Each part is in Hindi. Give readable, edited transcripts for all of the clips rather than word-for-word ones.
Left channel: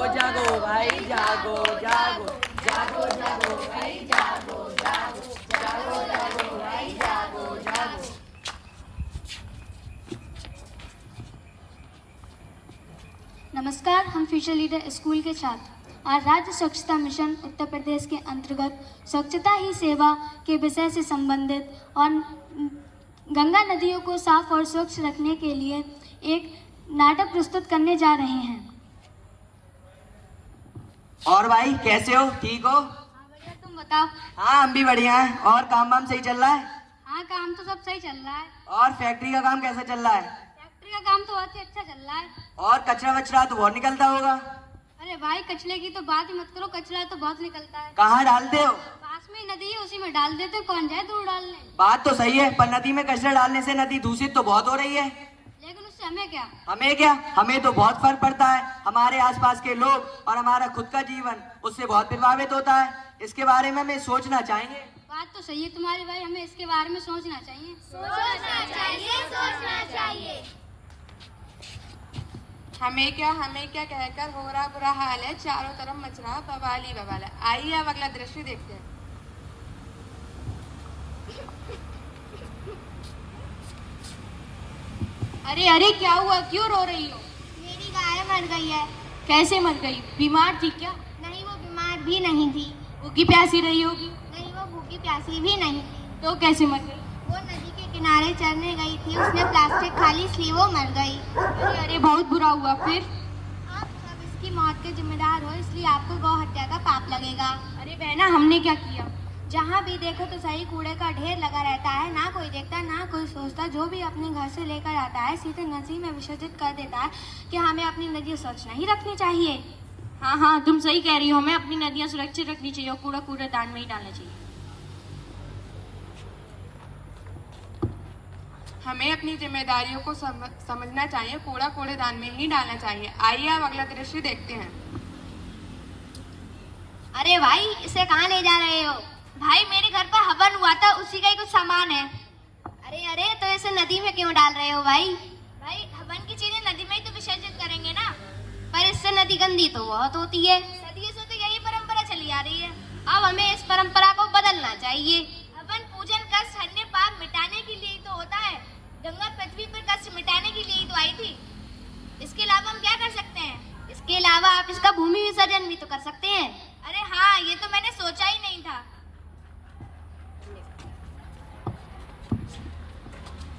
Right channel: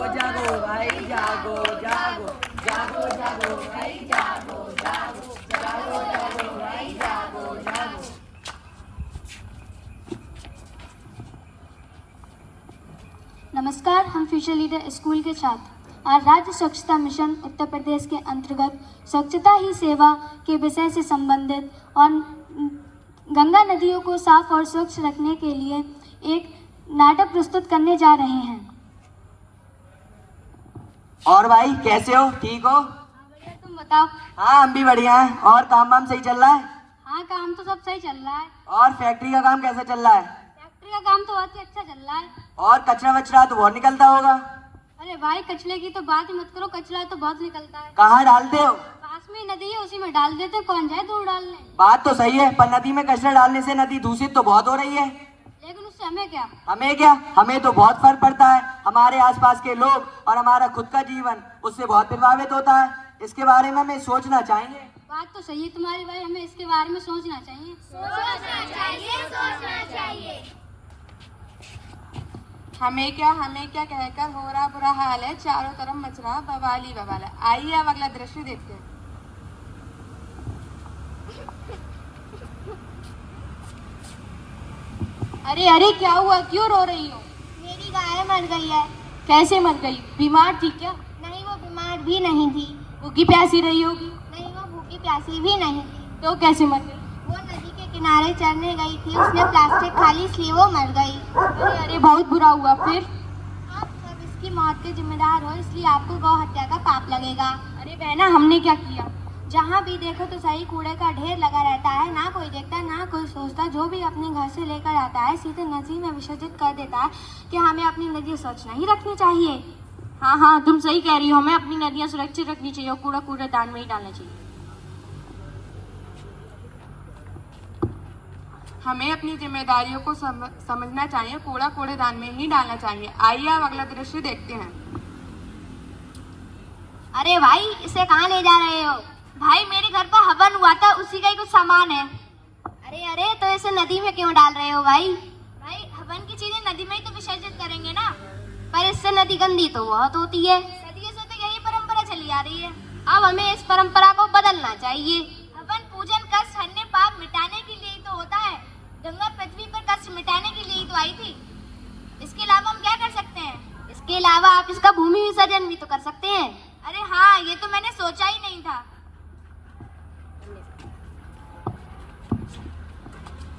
जागो भाई जागो जागो जागो जागो भाई जागो जागो जागो जागो भाई जागो जागो। नमस्कार, हम फ्यूचर लीडर स्कूल के छात्र आज राज्य स्वच्छता मिशन उत्तर प्रदेश के अंतर्गत स्वच्छता ही सेवा के विषय से संबंधित और गंगा नदियों को साफ और स्वच्छ रखने के लिए एक नाटक प्रस्तुत करने जा रहे हैं। और भाई कैसे हो, ठीक हो? हाँ भैया, तुम बताओ। हाँ हम भी बढ़िया हैं। और काम वाम सही चल रहा है? हाँ, काम तो सब सही चल रहा है। और फैक्ट्री का काम कैसा चल रहा है? फैक्ट्री का काम तो बहुत ही अच्छा चल रहा है। और कचरा वचरा तो बहुत निकलता होगा? अरे भाई, कचरे की तो बात ही मत करो, कचरा तो बहुत निकलता है। कहाँ डालते हो? पास में ही नदी है, उसी में डाल देते, कौन जाए दूर डालने। बात तो सही है, पर नदी में कचरा डालने से नदी दूषित तो बहुत हो रही है। लेकिन उससे हमें क्या? हमें तो बहुत फर्क पड़ता है। हमारे आसपास के लोग और हमारा खुद का जीवन उससे बहुत प्रभावित होता है। इसके बारे में हमें सोचना चाहिए। बात तो सही है तुम्हारी भाई, हमें इसके बारे में सोचना चाहिए। सोचना चाहिए। हमें क्या कहकर हो रहा बुरा हाल है, चारों तरफ मच रहा बवाल ही बवाल है। आइए अब अगला दृश्य देखते हैं। अरे अरे, क्या हुआ, क्यों रो रही हो? मेरी गाय मर गई है। कैसे मर गई? बीमार थी क्या? नहीं, वो बीमार भी नहीं थी। भूखी प्यासी रही होगी। नहीं, वो भूखी प्यासी भी नहीं थी। तो कैसे मर गई? वो नदी के किनारे चरने गई थी, उसने प्लास्टिक खा ली, इसलिए वो मर गई। अरे अरे, बहुत बुरा हुआ। फिर? आप सब इसकी मौत के जिम्मेदार हो, इसलिए आपको गौ हत्या का पाप लगेगा। अरे बहना, हमने क्या किया? जहाँ भी देखो तो सही कूड़े का ढेर लगा रहता है, ना कोई देखता ना कोई सोचता। जो भी अपने घर से लेकर आता है सीधे नदी में विसर्जित कर देता है। कि हमें अपनी नदी स्वच्छ नहीं रखनी चाहिए। हाँ हाँ, तुम सही कह रही हो, हमें अपनी नदियाँ सुरक्षित रखनी चाहिए और कूड़ा कूड़ेदान में ही डालना चाहिए। हमें अपनी जिम्मेदारियों को समझना चाहिए, कूड़ा कूड़ेदान में ही डालना चाहिए। आइए अब अगला दृश्य देखते हैं। अरे भाई, इसे कहाँ ले जा रहे हो? भाई, मेरे घर पर हवन हुआ था, उसी का ही कुछ सामान है। अरे अरे, तो इसे नदी में क्यों डाल रहे हो भाई? भाई, हवन की चीजें नदी में ही तो विसर्जित करेंगे ना। पर इससे नदी गंदी तो बहुत होती है। सदियों से तो यही परंपरा चली आ रही है। अब हमें इस परंपरा को बदलना चाहिए। हवन पूजन कष्ट हरने पाप मिटाने के लिए ही तो होता है। गंगा पृथ्वी पर कष्ट मिटाने के लिए ही तो आई थी। इसके अलावा हम क्या कर सकते हैं? इसके अलावा आप इसका भूमि विसर्जन भी तो कर सकते हैं। अरे हाँ, ये तो मैंने सोचा ही नहीं था।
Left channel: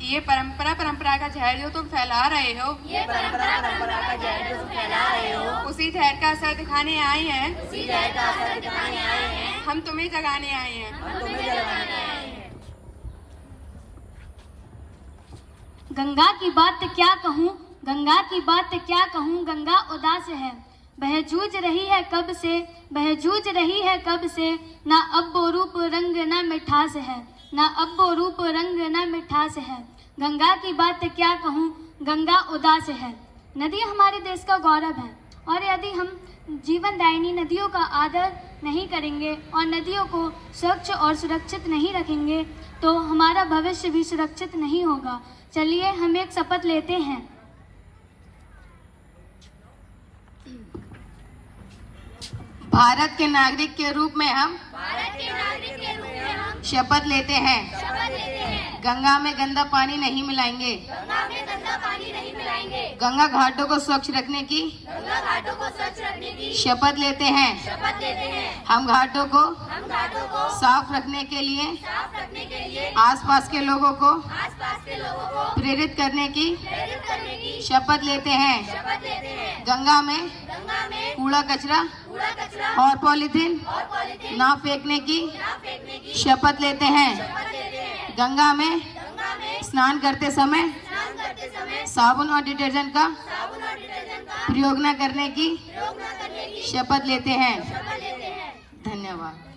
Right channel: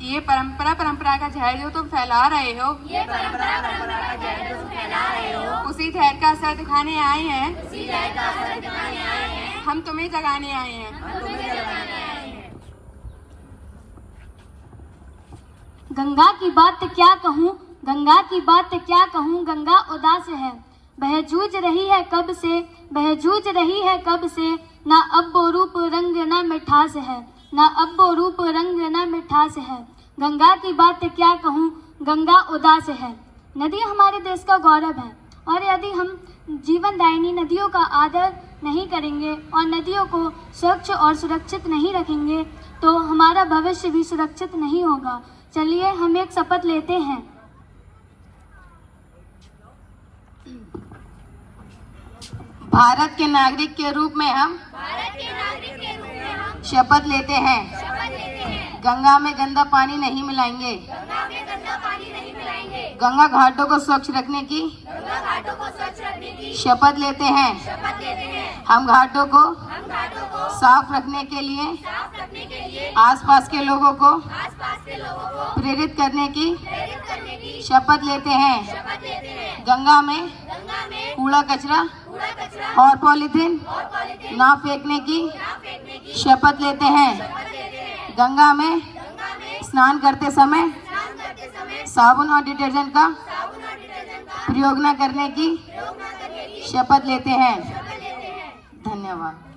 ये परंपरा का जहर जो तुम फैला रहे हो, उसी जहर का असर दिखाने आए हैं। हम तुम्हें जगाने आए हैं। गंगा की बात क्या कहूँ, गंगा की बात क्या कहूँ, गंगा उदास है। वह जूझ रही है कब से, वह जूझ रही है कब से। ना अब वो रूप रंग ना मिठास है, ना अब वो रूप रंग ना मिठास है। गंगा की बात क्या कहूँ, गंगा उदास है। नदी हमारे देश का गौरव है, और यदि हम जीवनदायिनी नदियों का आदर नहीं करेंगे और नदियों को स्वच्छ और सुरक्षित नहीं रखेंगे तो हमारा भविष्य भी सुरक्षित नहीं होगा। चलिए हम एक शपथ लेते हैं। भारत के नागरिक के रूप में हम शपथ लेते हैं। गंगा में गंदा पानी नहीं मिलाएंगे। गंगा घाटों को स्वच्छ रखने की शपथ लेते हैं। हम घाटों को साफ रखने के लिए आसपास के लोगों को प्रेरित करने की शपथ लेते हैं। गंगा में कूड़ा कचरा और पॉलीथीन ना फेंकने की शपथ लेते हैं। गंगा में स्नान करते समय साबुन और डिटर्जेंट का प्रयोग न करने की शपथ लेते हैं। धन्यवाद।